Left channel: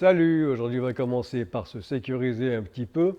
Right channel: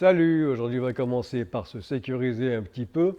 Salut, aujourd'hui on va commencer par se sécuriser un petit peu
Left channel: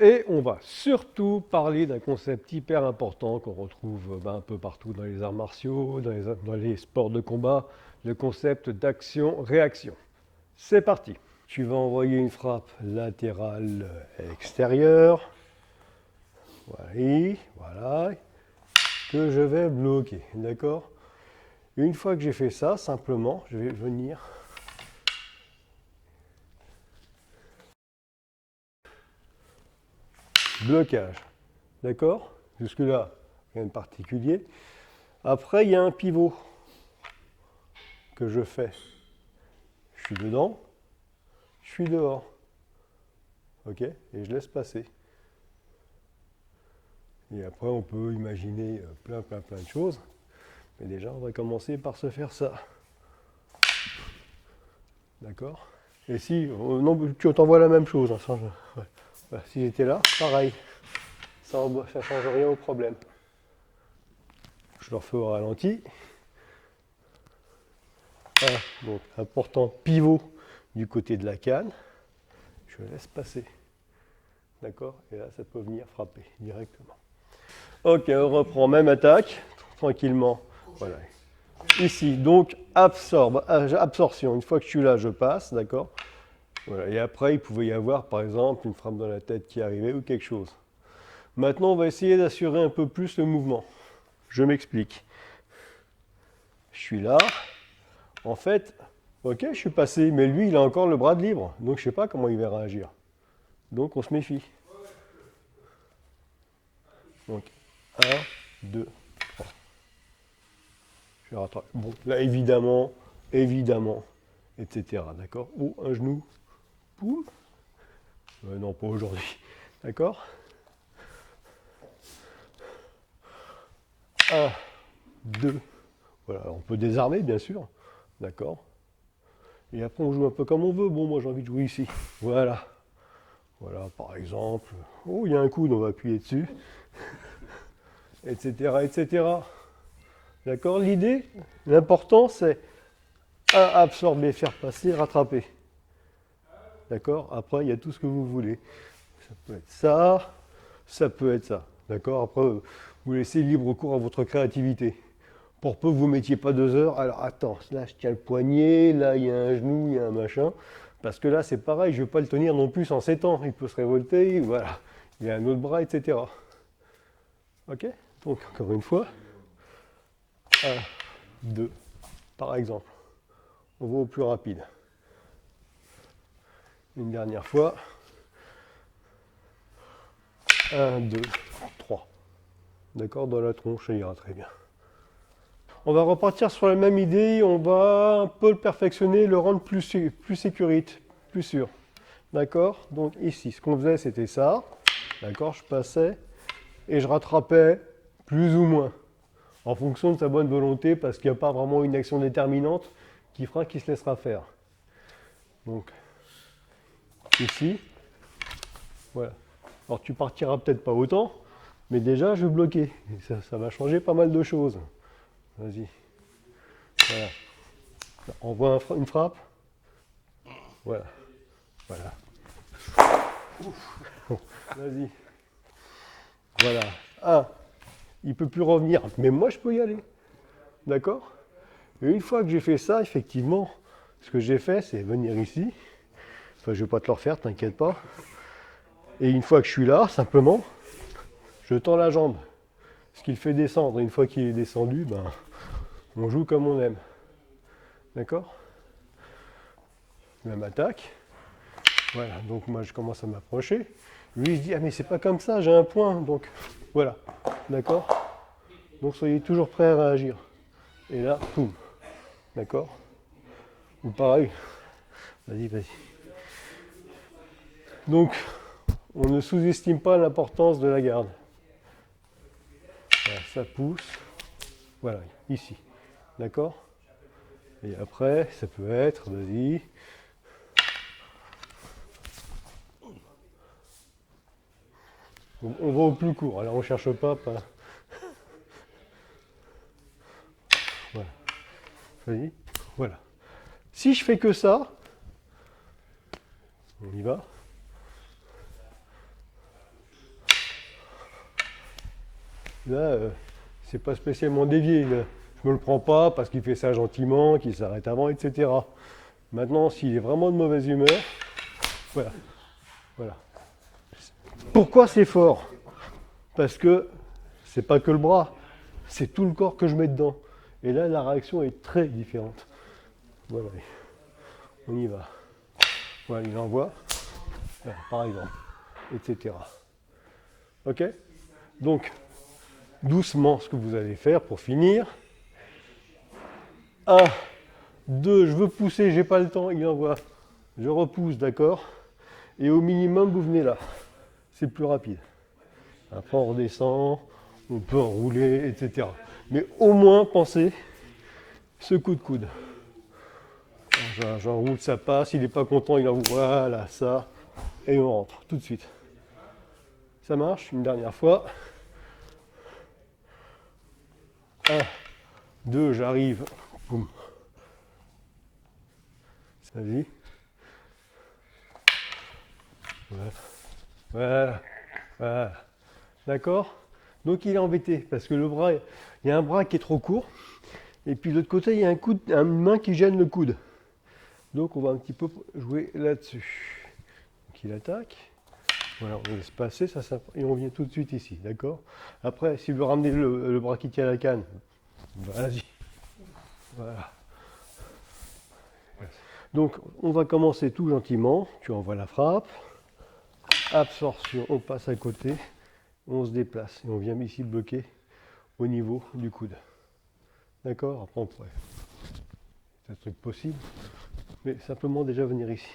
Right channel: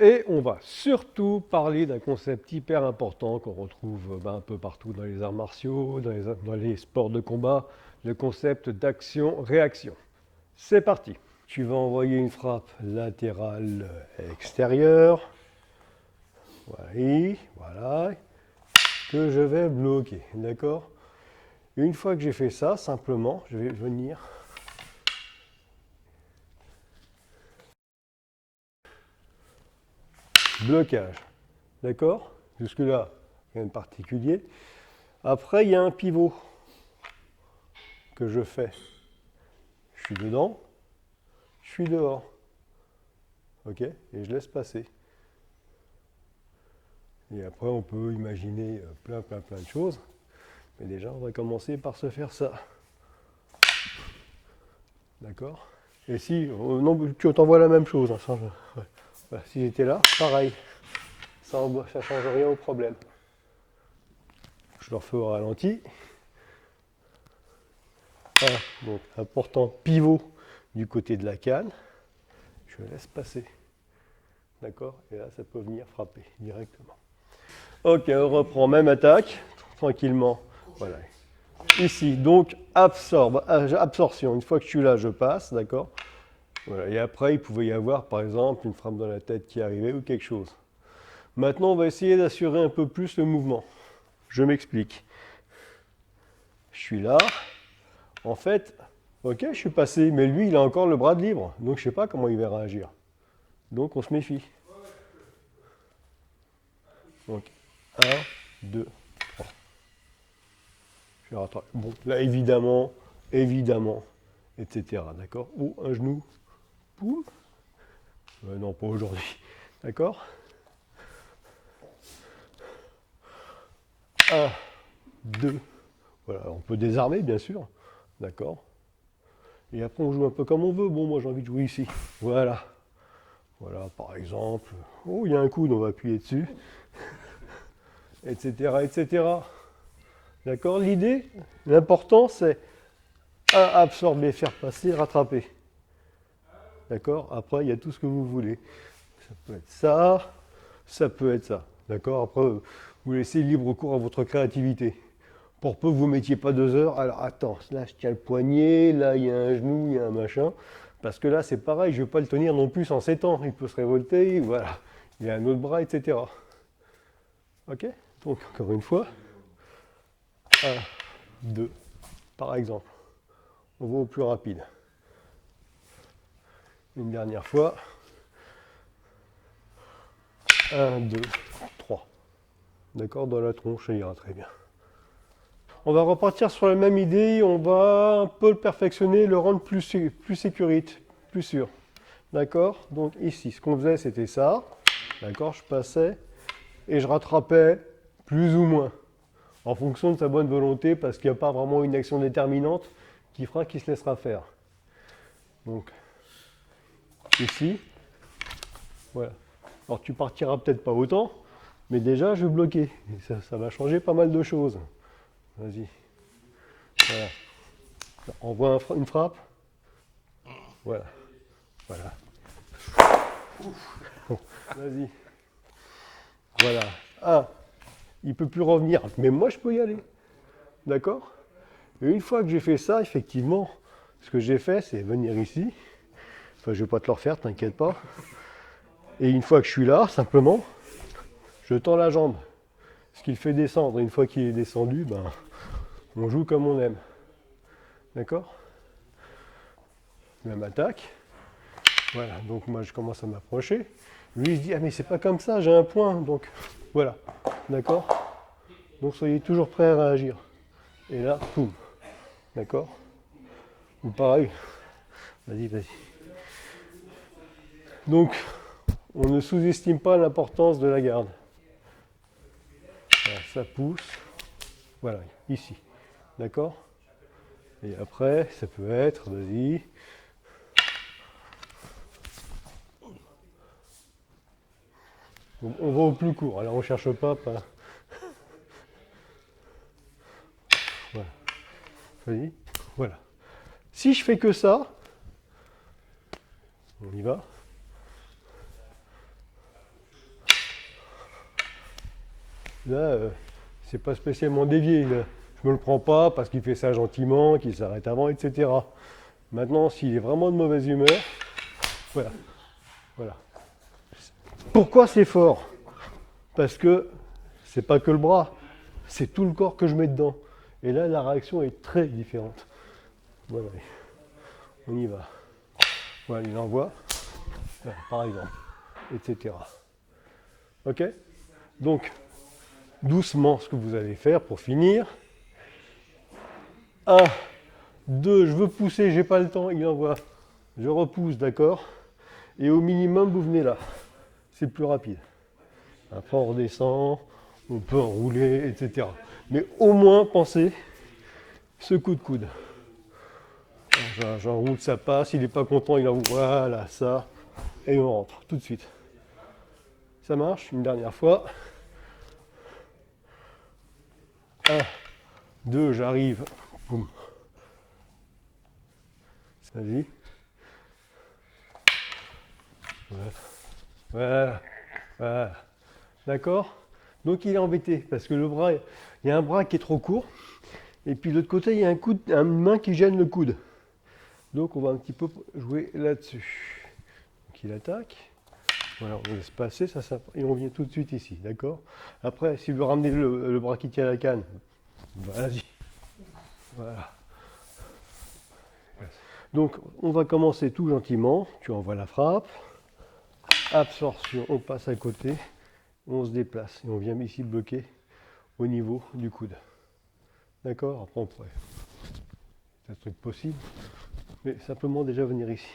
et on va surtout parler d'un concept hyper important qu'on retrouve un peu partout dans les arts martiaux, dans les sports de combat, le concept d'action-réaction. C'est parti. Tu vas envoyer une frappe latérale extérieure, voilà, que je vais bloquer, d'accord? Une fois que j'ai fait ça, simplement, je vais venir blocage. D'accord? Jusque-là, rien de particulier. Après, il y a un pivot que je fais. Je suis dedans, je suis dehors. OK? Et je laisse passer. Et après, on peut imaginer plein de choses. Mais déjà, on va commencer par se faire ça. D'accord? Et si, non, tu t'envoies la même chose. Hein, ouais. Voilà, si j'étais là, pareil. Ça ne change rien au problème. Je le refais au ralenti. Voilà, donc important pivot du côté de la canne. Je laisse passer. D'accord? Et là, ça peut venir frapper directement. Ok, on reprend même attaque, tranquillement. Voilà. Ici, donc absorption. Une fois que je suis là, je passe, d'accord? Voilà. Et après, il pouvait y avoir, par exemple, une frappe dans la tête qui arrivait ou quelque chose. Maintenant, on va essayer d'assurer un peu plus le mouvement. Je m'explique. Je suis là. En fait, ok, je suis passé, mais lui, il a encore le bras de libre. Donc, je ne sais pas comment il va réagir. Donc, on se méfie. Donc, 1, 2, 3. Je rattrape. Bon, là, évidemment, etc. D'accord? Ou un genou. Poum. Non, pas aujourd'hui. D'accord? 1, 2. Voilà, on peut désarmer, bien sûr. D'accord? Et après, on joue un peu comme on veut. Bon, moi, j'ai envie de jouer ici. Voilà. Voilà, par exemple. Oh, il y a un coude, on va appuyer dessus. Etc., etc. D'accord? L'idée, l'important, c'est absorber, faire passer, rattraper. D'accord? Après, il y a tout ce que vous voulez. Ça peut être ça, ça peut être ça. D'accord? Après, vous laissez libre cours à votre créativité. Pour peu que vous ne mettiez pas 2 heures, alors attends, là je tiens le poignet, là il y a un genou, il y a un machin. Parce que là c'est pareil, je ne vais pas le tenir non plus en 7 ans. Il peut se révolter, voilà. Il a un autre bras, etc. Ok? Donc encore une fois, 1, 2, par exemple. On va au plus rapide. Une dernière fois. 1, 2, 3. D'accord? Dans la tronche, ça ira très bien. On va repartir sur la même idée, on va un peu le perfectionner, le rendre plus sécurité, plus sûr. D'accord? Donc ici, ce qu'on faisait, c'était ça. D'accord? Je passais et je rattrapais plus ou moins, en fonction de sa bonne volonté, parce qu'il n'y a pas vraiment une action déterminante qui fera qu'il se laissera faire. Donc, ici, voilà. Alors tu partiras peut-être pas autant, mais déjà, je vais bloquer. Et ça va changer pas mal de choses. Vas-y. Voilà. Envoie une frappe. Voilà. Voilà. Vas-y. Voilà. Ah, il ne peut plus revenir. Mais moi, je peux y aller. D'accord? Et une fois que j'ai fait ça, effectivement, ce que j'ai fait, c'est venir ici. Enfin, je ne vais pas te le refaire, t'inquiète pas. Et une fois que je suis là, simplement, je tends la jambe. Ce qui le fait descendre. Et une fois qu'il est descendu, ben, on joue comme on aime. D'accord? Même attaque. Voilà, donc moi je commence à m'approcher. Lui il se dit, ah mais c'est pas comme ça, j'ai un point. Donc voilà, d'accord? Donc soyez toujours prêts à réagir. Et là, poum, d'accord? Ou pareil, vas-y, vas-y. Donc, on ne sous-estime pas l'importance de la garde. Voilà, ça pousse, voilà, ici, d'accord? Et après, ça peut être, vas-y. On va au plus court, alors on ne cherche pas. Voilà, vas-y, voilà. Si je fais que ça, On y va. Là, c'est pas spécialement dévié. Là. Je me le prends pas parce qu'il fait ça gentiment, qu'il s'arrête avant, etc. Maintenant, s'il est vraiment de mauvaise humeur, voilà. Voilà. Pourquoi c'est fort? Parce que c'est pas que le bras, c'est tout le corps que je mets dedans. Et là, la réaction est très différente. Voilà. On y va. Voilà, il envoie, voilà, par exemple, etc. Ok? Donc, doucement, ce que vous allez faire pour finir. 1, 2, je veux pousser, j'ai pas le temps, il envoie. Je repousse, d'accord? Et au minimum, vous venez là. C'est plus rapide. Après, on redescend, on peut enrouler, etc. Mais au moins, pensez ce coup de coude. J'enroule, ça passe, il n'est pas content, il envoie, voilà, ça, et on rentre tout de suite. Ça marche, une dernière fois. 1, 2, j'arrive. Boum. Vas-y. Voilà. Voilà. Voilà. D'accord? Donc il est embêté parce que le bras, il y a un bras qui est trop court et puis de l'autre côté il y a une main qui gêne le coude. Donc on va un petit peu jouer là-dessus. Donc il attaque. Voilà, on laisse passer ça, et on vient tout de suite ici, d'accord? Après, s'il veut ramener le bras qui tient la canne, vas-y. Voilà. Donc on va commencer tout gentiment. Tu envoies la frappe. Absorption, on passe à côté. On se déplace et on vient ici bloquer au niveau du coude. D'accord? Après on pourrait. C'est un truc possible. Mais simplement déjà venir ici.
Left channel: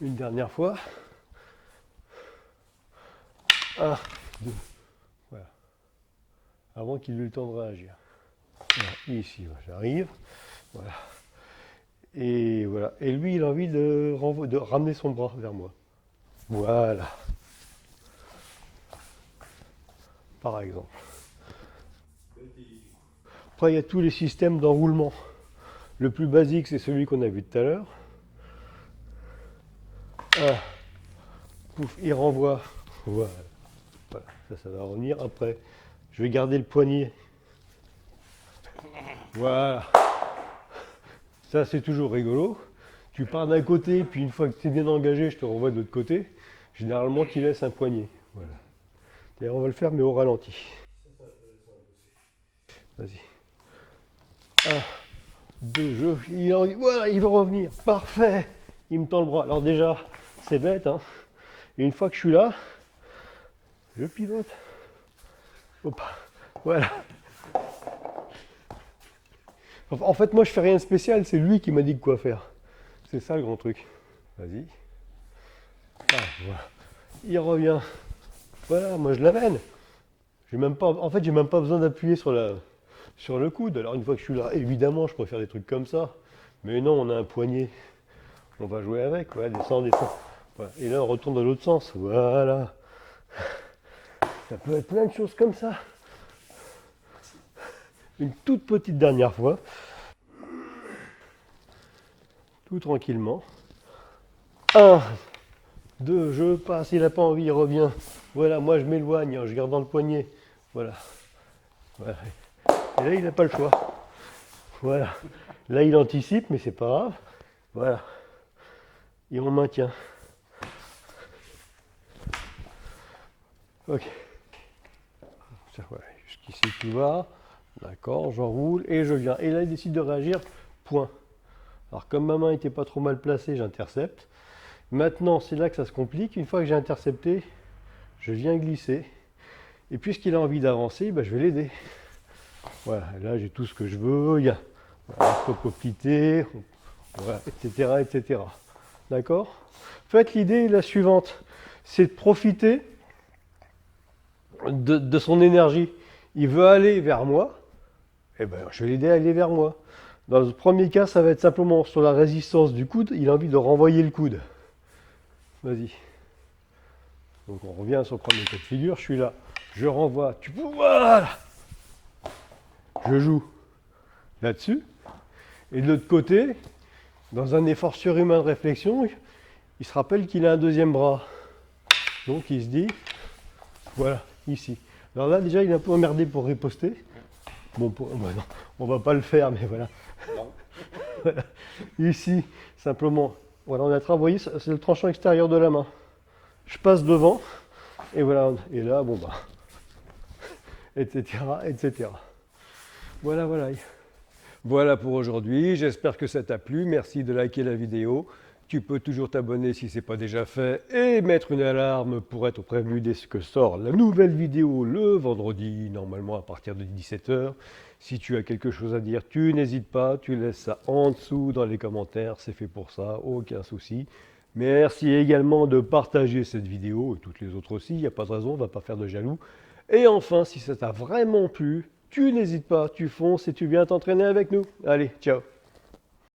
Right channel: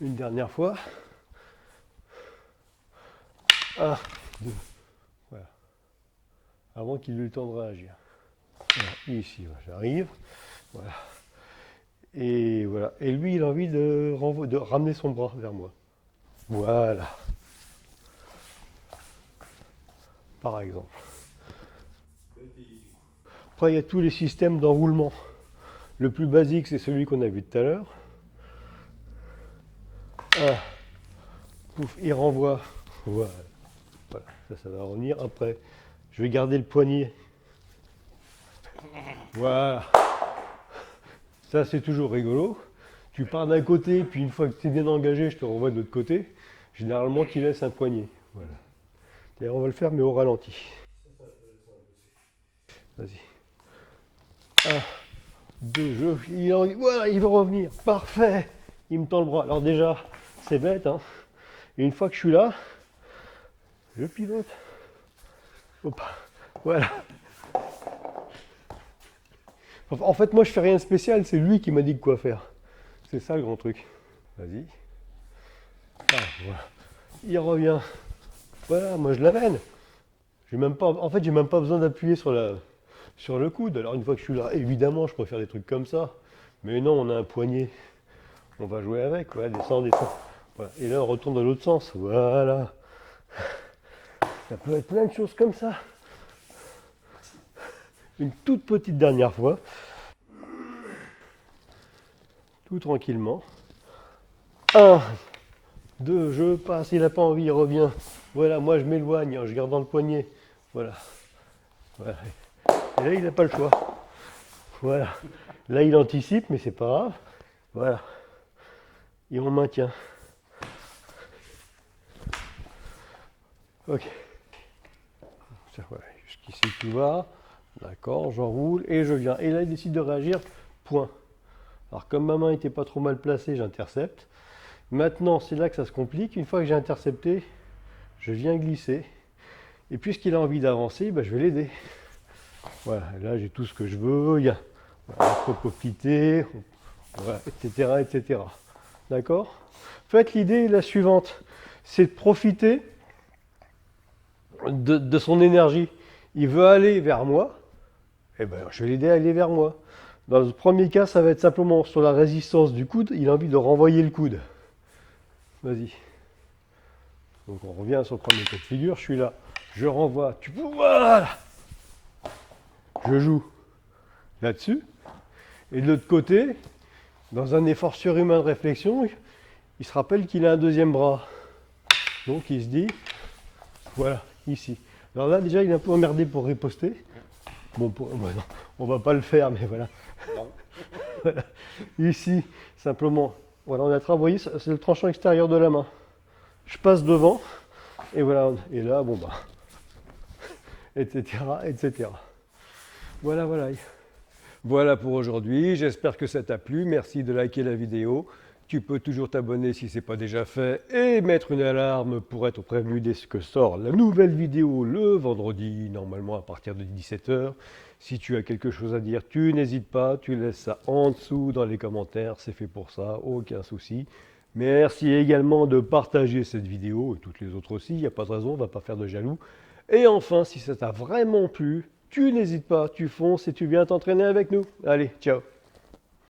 Une dernière fois. 1, 2. Voilà. Avant qu'il ait le temps de réagir. Voilà. Ici, j'arrive. Voilà. Et voilà. Et lui, il a envie de ramener son bras vers moi. Voilà. Par exemple. Après, il y a tous les systèmes d'enroulement. Le plus basique, c'est celui qu'on a vu tout à l'heure. Pouf, il renvoie. Voilà. Voilà. Ça va revenir. Après, je vais garder le poignet. Voilà. Ça, c'est toujours rigolo. Tu pars d'un côté, puis une fois que tu es bien engagé, je te renvoie de l'autre côté. Généralement, tu laisses un poignet. Voilà. D'ailleurs, on va le faire, mais au ralenti. Vas-y. 1, 2, voilà, il va revenir. Parfait. Il me tend le bras. Alors déjà, c'est bête, hein. Et une fois que je suis là, je pivote. Hop. Voilà. En fait, moi, je fais rien de spécial. C'est lui qui m'a dit quoi faire. C'est ça le grand truc. Vas-y. Ah, voilà. Il revient. Voilà, moi je l'amène. En fait, j'ai même pas besoin d'appuyer sur le coude. Alors une fois que je suis là, évidemment, je préfère des trucs comme ça. Mais non, on a un poignet. On va jouer avec. Voilà, descend, descend. Voilà. Et là, on retourne dans l'autre sens. Voilà. Ça peut être plein de choses comme ça. Une toute petite dernière fois. Tout tranquillement. 1, 2, je passe, il n'a pas envie, il revient. Voilà, moi je m'éloigne, je garde dans le poignet. Voilà. Voilà. Et là, il n'a pas le choix. Voilà. Là, il anticipe, mais c'est pas grave. Voilà. Et on maintient. Ok. Voilà. Jusqu'ici, tu vas. D'accord, j'enroule et je viens. Et là, il décide de réagir. Point. Alors, comme ma main n'était pas trop mal placée, j'intercepte. Maintenant, c'est là que ça se complique. Une fois que j'ai intercepté, je viens glisser. Et puisqu'il a envie d'avancer, ben, je vais l'aider. Voilà, là j'ai tout ce que je veux. Il y a propopité, voilà, etc., etc. D'accord? En fait, l'idée est la suivante. C'est de profiter de son énergie. Il veut aller vers moi. Eh ben, je vais l'aider à aller vers moi. Dans le premier cas, ça va être simplement sur la résistance du coude. Il a envie de renvoyer le coude. Vas-y. Donc on revient sur le premier cas de figure. Je suis là. Je renvoie. Voilà. Je joue là-dessus. Et de l'autre côté, dans un effort surhumain de réflexion, il se rappelle qu'il a un deuxième bras. Donc il se dit, voilà, ici. Alors là, déjà, il est un peu emmerdé pour riposter. Bon, bah non, on va pas le faire, mais voilà. Voilà. Ici, simplement, voilà, on a travaillé, c'est le tranchant extérieur de la main. Je passe devant, et voilà, et là, bon bah, etc., etc. Voilà, voilà. Voilà pour aujourd'hui, j'espère que ça t'a plu, merci de liker la vidéo. Tu peux toujours t'abonner si ce n'est pas déjà fait et mettre une alarme pour être prévenu dès que sort la nouvelle vidéo le vendredi, normalement à partir de 17 h. Si tu as quelque chose à dire, tu n'hésites pas, tu laisses ça en dessous dans les commentaires, c'est fait pour ça, aucun souci. Merci également de partager cette vidéo et toutes les autres aussi, il n'y a pas de raison, on ne va pas faire de jaloux. Et enfin, si ça t'a vraiment plu, tu n'hésites pas, tu fonces et tu viens t'entraîner avec nous. Allez, ciao!